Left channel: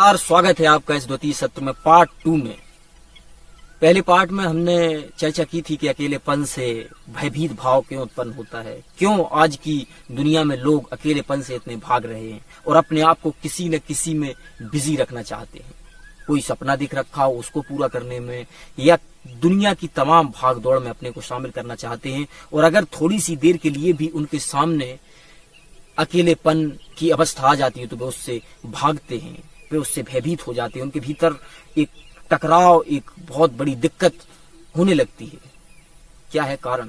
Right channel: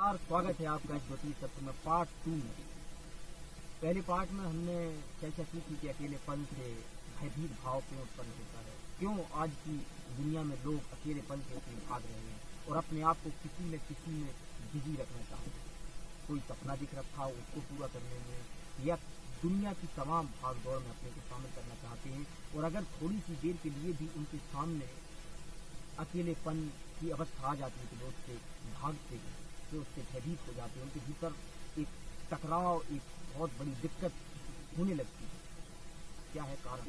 यार स्वागत है आपका इस द्वितीय सत्र में पार्ट 2 में। पहले पार्ट में हमने चर्चा की थी कि अकेलेपन से भयभीत भाव क्यों उत्पन्न होता है, क्यों आज की दुनिया में लोग अकेलेपन से इतने भाग रहे हैं और अपने आप को किसी न किसी में बिजी रखना चाहते हैं। कोई सपना दिख रखा हो उसको पूरा करने में या दुनिया की तमाम भाग दौड़ में अपने को शामिल करना चाहते हैं, और अगर थोड़ी सी देर के लिए भी उनके सामने अकेलेपन की अवस्था आ जाती है तो वे उससे भागते हैं, वे उससे भयभीत हो जाते हैं। उनके भीतर एक टकराव, एक बहुत बड़ी दिक्कत होने लगती है। क्या है कारण?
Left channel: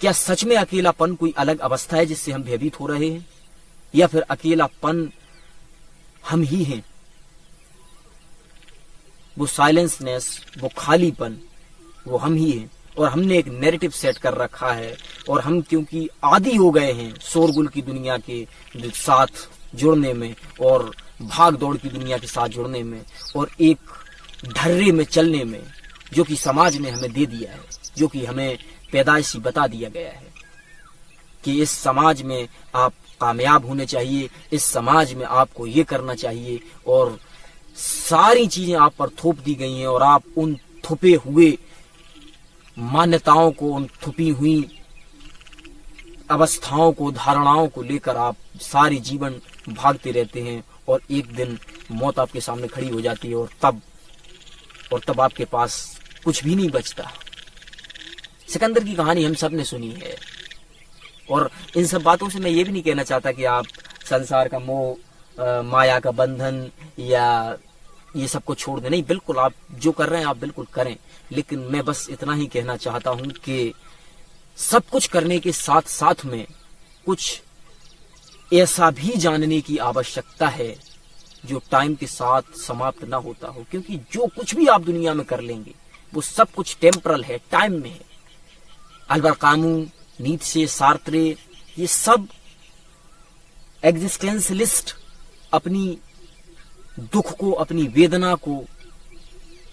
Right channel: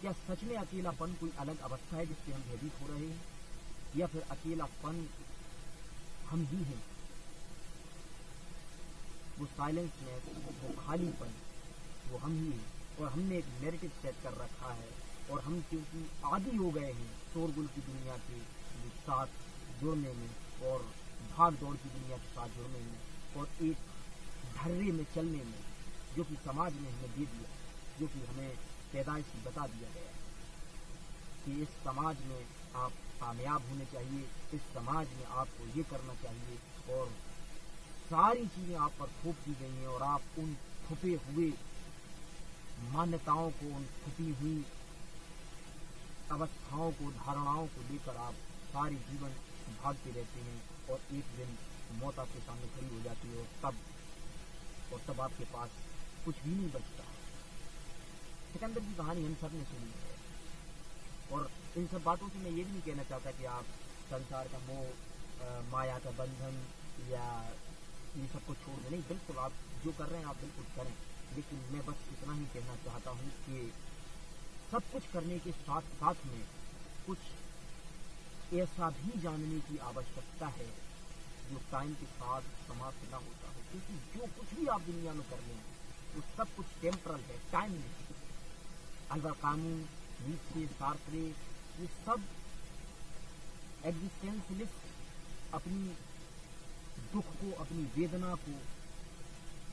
क्या सच में अकेलापन कोई अलग अवस्था है जिससे हम भयभीत हो रहे हैं, या फिर अकेलापन हम ही हैं? वो साइलेंसनेस, वो खालीपन, वो हम ही हैं। और हमने एक नैरेटिव सेट कर रखा है, और हम क्योंकि आदी हो गए हैं शोरगुल की दुनिया के साथ जुड़ने में और भाग दौड़ की दुनिया के साथ जुड़ने में और एक ढर्रे में चलने में, जो कि समाज ने हमें दे दिया है, जो कि हमें पैदाइशी बता दिया गया है कि इस समाज में आप कामयाब होने चाहिए, इस समाज में आपको ये करना चाहिए, और सारी चीजें आप पर थोप दी गई हैं और आप उन थुपे हुए मान्यताओं को, उन थुपी हुई अवस्थाओं को, धारणाओं को लेकर आप सारे जीवन भागते रहते हैं, और एक दिन मौत आपके सामने खड़ी हो जाती है और तब आपके पास कुछ भी नहीं बचता। सिकंदर की कहानी हम सब ने सुनी है, और इन सब बातों से मैं ये भी नहीं कहना चाहता कि आप संसार का मोह, माया का बंधन या ये सब को छोड़ दें। नहीं, बिल्कुल आप जो कर रहे हैं आप बिल्कुल करें, लेकिन मैं बस इतना ही कहना चाहता हूं कि सब कुछ करने के साथ साथ में कुछ ऐसा भी जानने की आवश्यकता है जो टाइम के साथ समाप्त ना होता हो, क्योंकि जो कुछ भी आप दुनिया में कर लेंगे वो सब कुछ टेम्परल है, टाइम में है। अल्बर्ट कामू, नीत्शे, सार्त्रे, ये सब एग्जिस्टेंशलिस्ट अपनी दुख को, अपनी वेदना को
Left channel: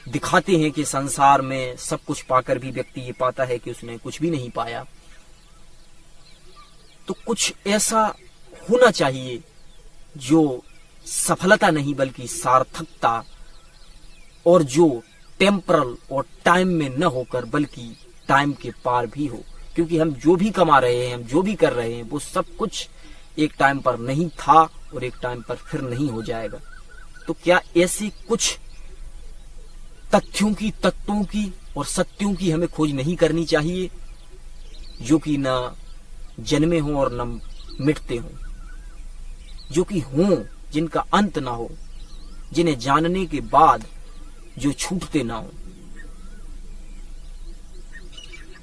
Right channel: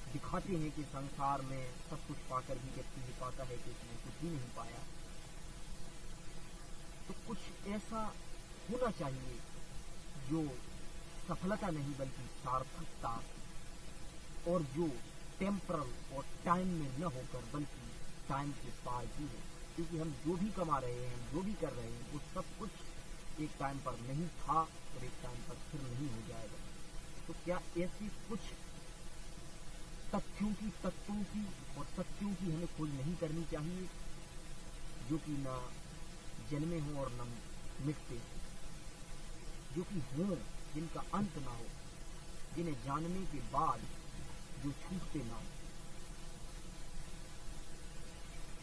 दिखाते हैं कि संसार में सब कुछ पाकर भी व्यक्ति ये पाता है कि उसने कुछ भी नहीं पाया। तो कुछ ऐसा होना चाहिए जो सफलता नहीं बल्कि सार्थकता, और जो टेम्परल और टाइम में न होकर बल्कि टाइम के पार भी हो, क्योंकि हम जो भी कमा रहे हैं, हम जो भी कर रहे हैं, वो सब कुछ एक टाइम पर नहीं था और एक टाइम पर फिर नहीं हो जाएगा। तो क्या ऐसे कुछ तथ्यों की, तत्वों की और सत्यों की हमें खोज नहीं करनी चाहिए जो कि न जन्मे हों और न मिटते हों, जो कि हों, जिनका अंत ना हो, जिन्हें जानने के बाद जो छूटते ना हो?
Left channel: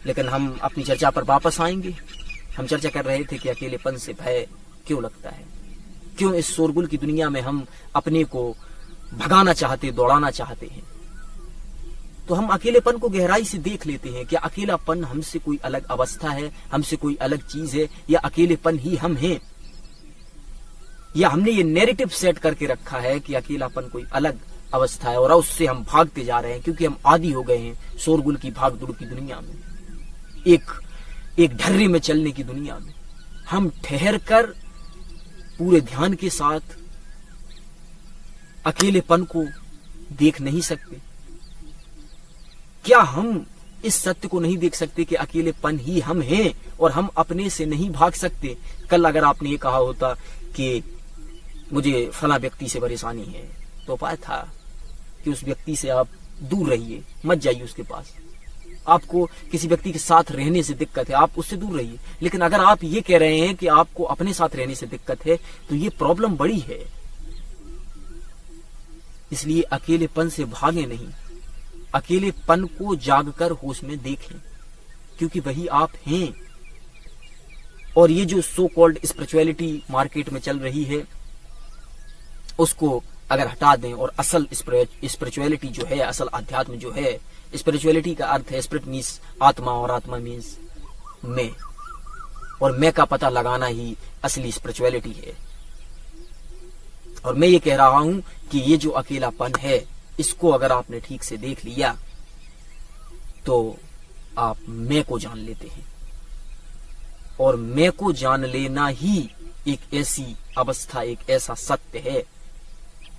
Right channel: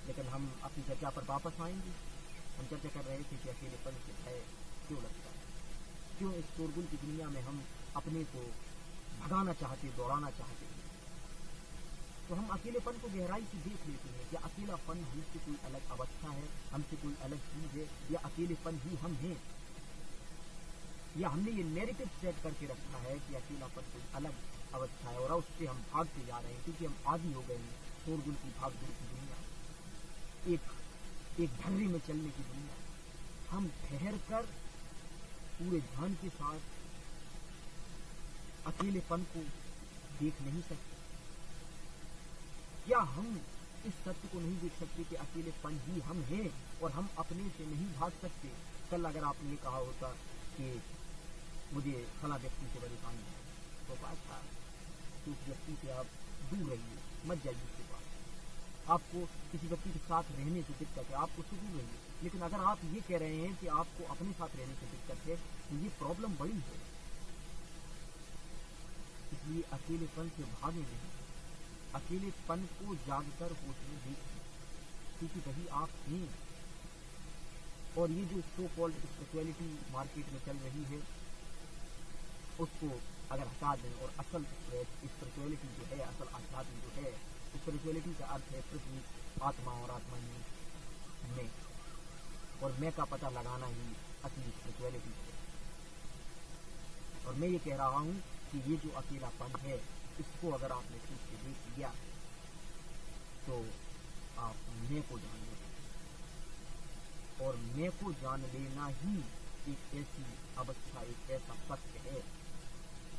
लेकिन हम अपनी चर्चा पर वापस आएंगे। हम चर्चा कर रहे थे कि अकेलेपन से भय क्यों लगता है, क्यों इस शोरगुल की दुनिया में हम अपने को भगाना चाहते, दौड़ाना चाहते हैं। तो हम अकेलेपन को गहराई से देख लेते हैं। क्या अकेलापन हमसे कोई अलग अवस्था है, हमसे कोई अलग चीज है, या अकेलेपन ही हम हैं? या हमने ये नैरेटिव सेट करके रखा है कि अकेलापन कोई अलग अवस्था है और उससे हम भागते जा रहे हैं क्योंकि हम आदी हो गए हैं शोरगुल की, भागदौड़ की दुनिया में, एक ढर्रे में चलने की दुनिया में। हम ठहर कर पूरे ध्यान के साथ अकेलेपन को देख नहीं सकते। क्या हम इस सत्य को नहीं देख सकते कि अकेलेपन ही हम हैं और हम अपने से नहीं भाग सकते? कल अगर आपने ये कहा होता कि मुझे फला व्यक्ति से परेशानी है, तो उपाय था कि उस व्यक्ति से आप दूर रहिए, मत जाइए उसके पास। आपको किसी व्यक्ति के साथ रहने से दिक्कत है, आप उससे दूर रहिए। लेकिन अगर आप ये कह रहे हैं कि आपको अपने साथ रहने से दिक्कत है, तो ये प्रॉब्लम बड़ी है। इसलिए अकेलेपन से भागे नहीं, अकेलेपन को जागकर होश में देखें, क्योंकि वही आप हैं। और ये जो सो कॉल्ड स्पिरिचुअलिटी मार्केट में चल रही है, उसको अगर हटा दें और असल स्पिरिचुअलिटी जो है, असल अध्यात्म जो है, स्पिरिचुअलिटी का अर्थ है, स्पिरिट मीन्स आत्मा और आत्मा मीन्स मैं, और मैं का पता लगाना ही असली स्पिरिचुअलिटी है। और मैं ये कह रहा हूं कि ये जो अकेलापन है, इसको अगर आपने ठीक से देख लिया तो आप मैं को जान लेते हैं। और मैं को जान लेना ही एक ऐसी अवस्था, एक ऐसा सत्य है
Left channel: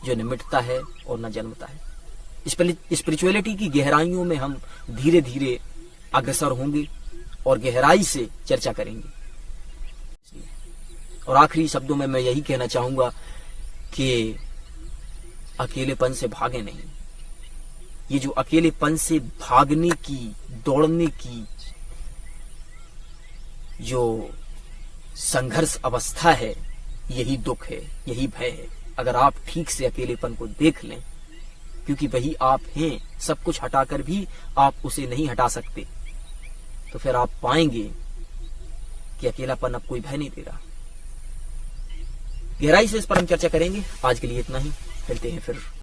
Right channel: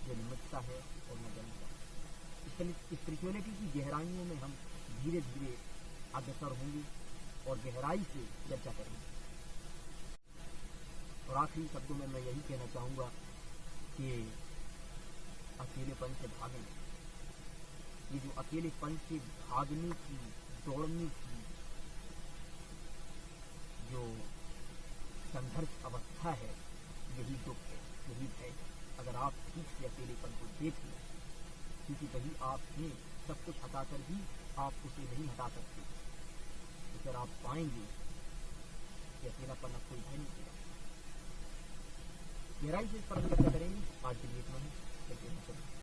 जो न मिटता है और न जन्मता है। स्पिरिचुअलिटी की गहराइयों में हम धीरे धीरे अग्रसर होंगे और गहराई से चर्चा करेंगे। और आखिरी शब्दों में मैं यही कहना चाहूंगा कि अकेलेपन से भागे नहीं। ये जो अकेलेपन से भागने की, दौड़ने की जो संघर्ष अवस्था है, यही दुख है, यही भय है। अगर आप ठीक से अकेलेपन को देख लें, क्योंकि वही आप हैं, सब कुछ हटाकर भी आप उसे नहीं हटा सकते, तो फिर आप पाएंगे कि अकेलापन अब कोई भय नहीं दे रहा। गहराई से इस पर हम चर्चा करेंगे। आज के लिए इतना ही, मिलते हैं फिर।